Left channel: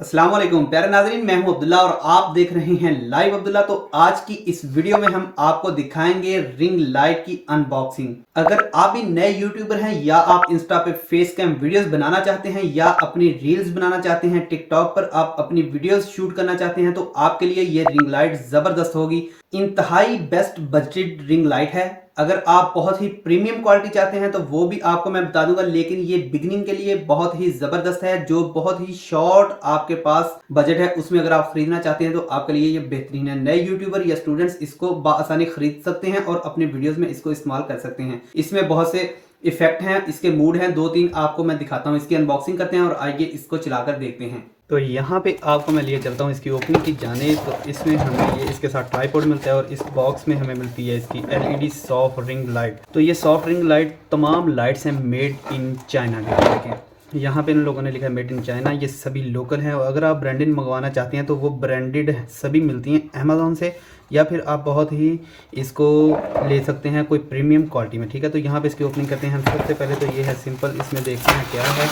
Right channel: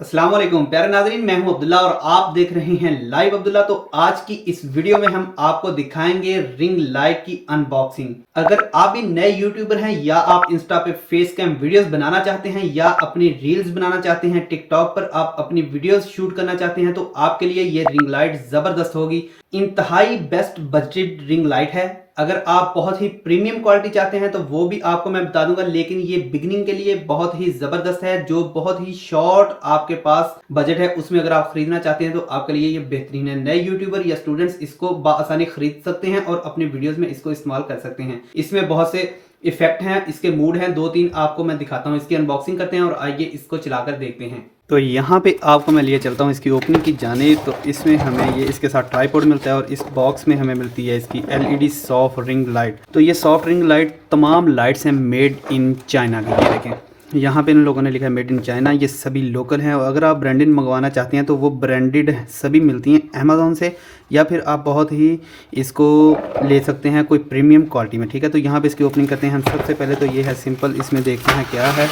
अस्सलाम वालेकुम प्यारे नाज़रीन, मैं हूं अब्दुल्ला और आप देख रहे हैं लाइव अब्दुल्ला। तो आज की इस वीडियो में हम आपको दिखाएंगे रिंग लाइट की अनबॉक्सिंग। अगर आप भी नए यूट्यूबर हैं या आप इंस्टा पे फेस कैम वीडियोस बनाना चाहते हैं या अपनी रील्स बनाना चाहते हैं, टिकटॉक पर आप अपनी वीडियोस शूट करना चाहते हैं, तो आपके लिए ये रिंग लाइट जबरदस्त होगी। इंतहाई बेस्ट बजटेड रिंग लाइट है। अगर आप बहुत ही प्रीमियम क्वालिटी चाहते हैं तो वो भी आपको मैं बता दूंगा, लेकिन ये बिगनिंग के लिए बहुत ही जबरदस्त है। जो बहुत ही शॉर्ट आपके पास बजट है उसमें अगर आप खरीदना चाहते हैं तो आपके लिए ये बेहतरीन है। नए यूट्यूबर या स्टूडेंट्स इसको आसानी खरीद सकते हैं और अपने वीडियोस में इसको इस्तेमाल कर सकते हैं। इसमें बहुत से इफेक्ट हैं, इसके मूड हैं, दो तीन आपको मैं दिखाता हूँ। इसकी अनबॉक्सिंग करते हैं और आइए इसको चलाकर देखते हैं। तो यहाँ पे आपको मैं लिए चलता हूँ इसकी ओपनिंग की जाने। तो इसमें हमें ये इसके साथ ट्राइपॉड मिलता है और इस बॉक्स में हमें मिलती है इसकी एलईडी सॉफ्ट रिंग लाइट। तो ये सॉफ्ट रिंग लाइट तमाम लाइट्स हैं मेड इन चाइना की। ये देखें, यहाँ पे इन लोगों ने लिखा है मेड इन चाइना। ये सभी लोकल हैं और अगर आप ब्रांडेड मंगवाना चाहते हैं तो वो ब्रांडेड सभी मिलती हैं अमेज़ॉन से, या फिर आप बहुत ही इसको ले सकते हैं कोई प्रीमियम क्वालिटी में। ठीक है, तो यहाँ पे इसकी ओपनिंग करते हैं हम। सबसे पहले तो ये है सिंपल, इसमें देखते हैं क्या है।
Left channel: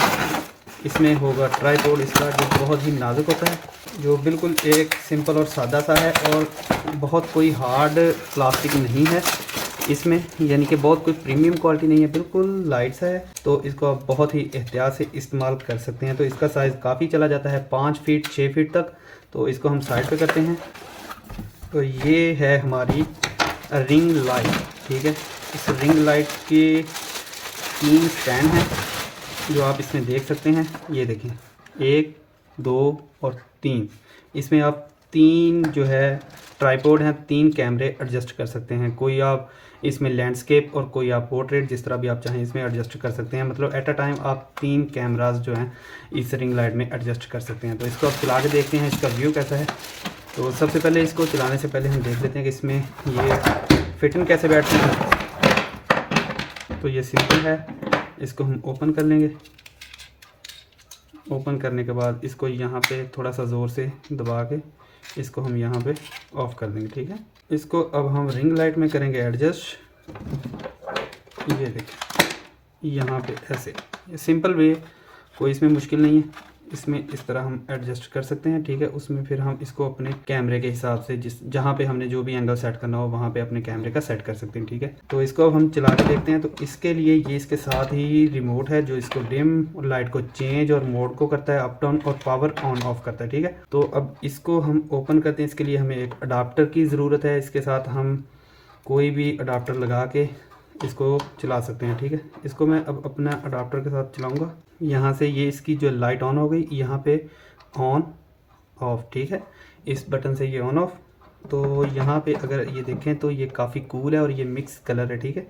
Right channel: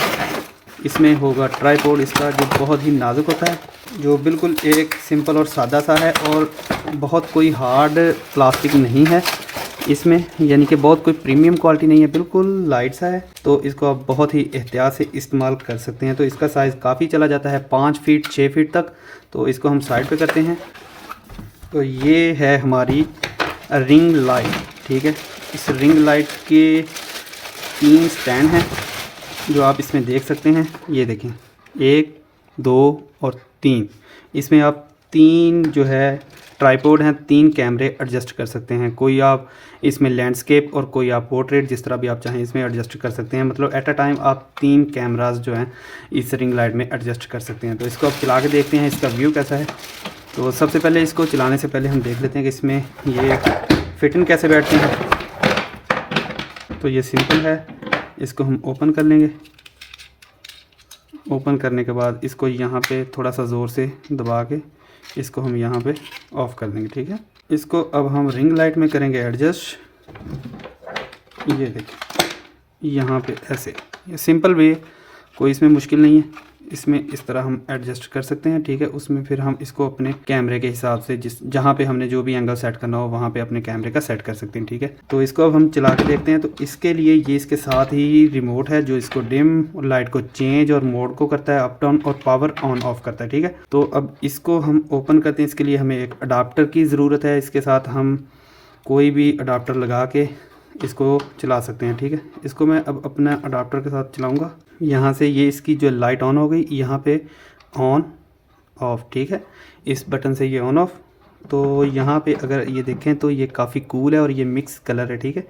इसमें होगा ट्राइपॉड इसका, जो बहुत ही नाजुक होता है, जो बिल्कुल एक सिंपल और सादा सा है और बहुत कोई हार्ड प्लास्टिक नहीं है इसमें, यानी कि बहुत कोई प्रीमियम क्वालिटी नहीं है, बिल्कुल लाइट सा है। तो इसको आप बहुत ही एहतियात से इस्तेमाल कर सकते हैं। तो इसका साइज़ काफ़ी चला जाता है 5 फीट 6 फीट तक। तो इसको हम साइड पे करते हैं। तो ये है हमारी रिंग लाइट। ठीक है, इस रिंग लाइट के 3 स्टैंड हैं जो आप इसमें देख सकते हैं। ये देखें, 1 2 और 3। इसमें आप 3 जो है ट्राइपॉड हैं, 3 कैमरे एडजस्ट कर सकते हैं। कोई आप इसमें लैंडस्केप और कोई आप पोर्ट्रेट, जिस तरह भी आप चाहें इसमें एडजस्ट कर सकते हैं। मतलब एट अ टाइम आप 3 कैमरास जो हैं इस रिंग लाइट में एडजस्ट कर सकते हैं। तो इसको आप चला के देखते हैं इसका व्यू कैसा है। तो सबसे पहले इसको चलाने से पहले हम देख लेते हैं कि इसमें ये फिटिंग कैसे बैठती है। तो ये सिंपल है, इसको हम ओपन कर लेंगे। ओपन करने के बाद इसको यहाँ पे थोड़ा सा ज़ोर से दबा के इसको हम यहाँ पे ऑफ़ कर देंगे। ठीक है, इसको अब हम रिंग लाइट में करेंगे एडजस्ट। ये देखिए, यहाँ पे ऐसे, ये सिंपल वे, कोई इसमें मुश्किल नहीं है। इसमें इस तरह हम एडजस्ट कर सकते हैं। ठीक है, उसमें फिर हम इसको अपने कैमरे के हिसाब से जहाँ पे हमने जो भी एंगल सेट करना हो वहाँ पे अपने कैमरे का सेट कर सकते हैं। ठीक है, तो इसको अब हम चला के देखते हैं। तो इसके लिए ये इसके साथ ही रिमोट है जो इसको डिम और लाइट को चेंज और मोड को करता है, अप डाउन, और पावर ऑन ऑफ करता है। ठीक है, तो अब इसको हम ओपन करते हैं। इसके लिए हमें एक अडाप्टर की ज़रूरत है। इसके साथ हम कोई भी अडाप्टर लगा के इसको चला सकते हैं। ठीक है, इसको मैं अब अपना अडाप्टर के साथ चलाऊंगा। यहाँ से ये इसकी जो लाइट ऑन हो गई, यहाँ पे ऑन ऑफ। ठीक है, इस बटन से ये ऑन ऑफ। तो यहाँ पे अगर ये देखें तो ये काफ़ी कूल है और ये मिक्स कलर है। ठीक है,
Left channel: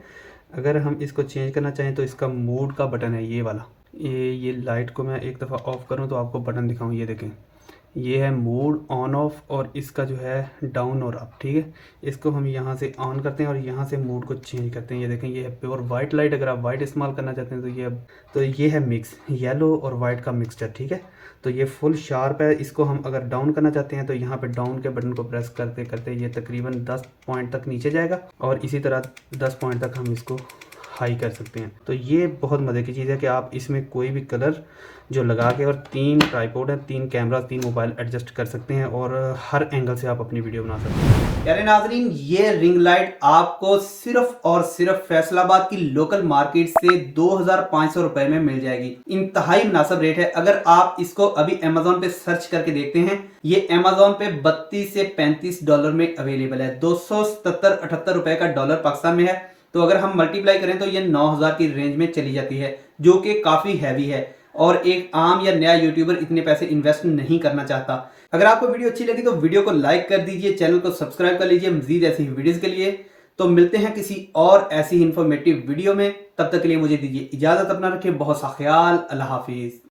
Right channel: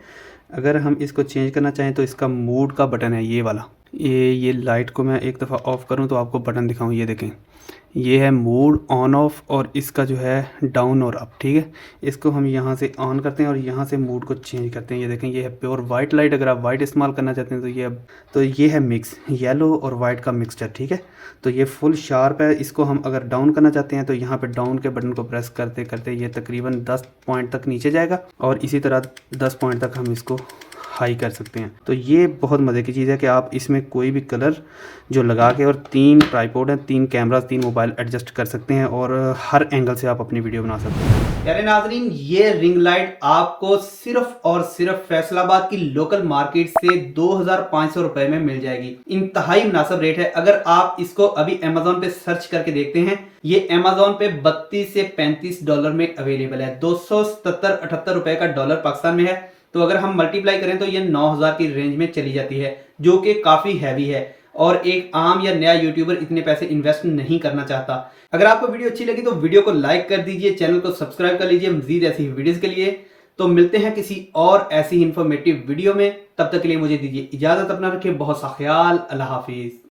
अगर हम इसको चेंज करना चाहें तो इसका मोड का बटन है ये वाला। ये लाइट को मैं एक दफ़ा ऑफ़ करूँ तो आपको बटन दिखाऊँ। ये देखें, ये है मोड ऑन ऑफ और इसका जो है डाउन और अप। ठीक है, इसको हम यहाँ से ऑन करते हैं और यहाँ से मोड को चेंज करते हैं। ये देखें, ये है प्योर वाइट लाइट। अगर आप वाइट इस्तेमाल करना चाहते हैं तो ये है मिक्स, येलो और वाइट का मिक्सचर। ठीक है, तो ये फुल शार्प है। इसको हम अगर डाउन करना चाहते हैं तो यहाँ पे डाउन के बटन को प्रेस करते करते ये तकरीबन 10 पॉइंट तक नीचे जाएगा और इसी तरह 10 पॉइंट तक हम इसको हाई कर सकते हैं। तो ये बहुत मज़े की चीज़ है कि आप इसमें कोई भी कलर जो लगा के, और 3 ट्राइपॉड हैं, 3 कैमरा, 3 मोबाइल एडजस्ट कर सकते हैं और हर एंगल से आप अपनी वीडियो बना सकते हैं। प्यारे नाजरीन, ये रिंग लाइट आपको सिर्फ और सिर्फ फैसलाबाद की लोकल मार्केट से 2500 रुपए में मिल जाएगी। इंतहाई मुनासिब रेट है। अगर आप इसको अभी अमेज़ॉन पे सर्च करके देखते हैं, ये अमेज़ॉन पे 32 से 35 डॉलर में अवेलेबल है। 277-78 रुपए का डॉलर पाकिस्तान में है। तो अगर हम मल्टीप्लाई करें तो ये 9000 की रेंज में चली जाती है, जो कि काफ़ी हैवी है और एक आम या नया यूट्यूबर इतने पैसे इन्वेस्ट नहीं करना चाहता। अगर आपको वीडियो अच्छी लगी तो वीडियो को लाइक कर दीजिए, चैनल को सब्सक्राइब कर लीजिए मजीद ऐसी वीडियोस के लिए। तो मिलते हैं किसी और ऐसी इंफॉर्मेटिव वीडियो में, तब तक के लिए मुझे दीजिए इजाज़त। अपना रखिए बहुत सा ख्याल। अल्लाह हाफिज़।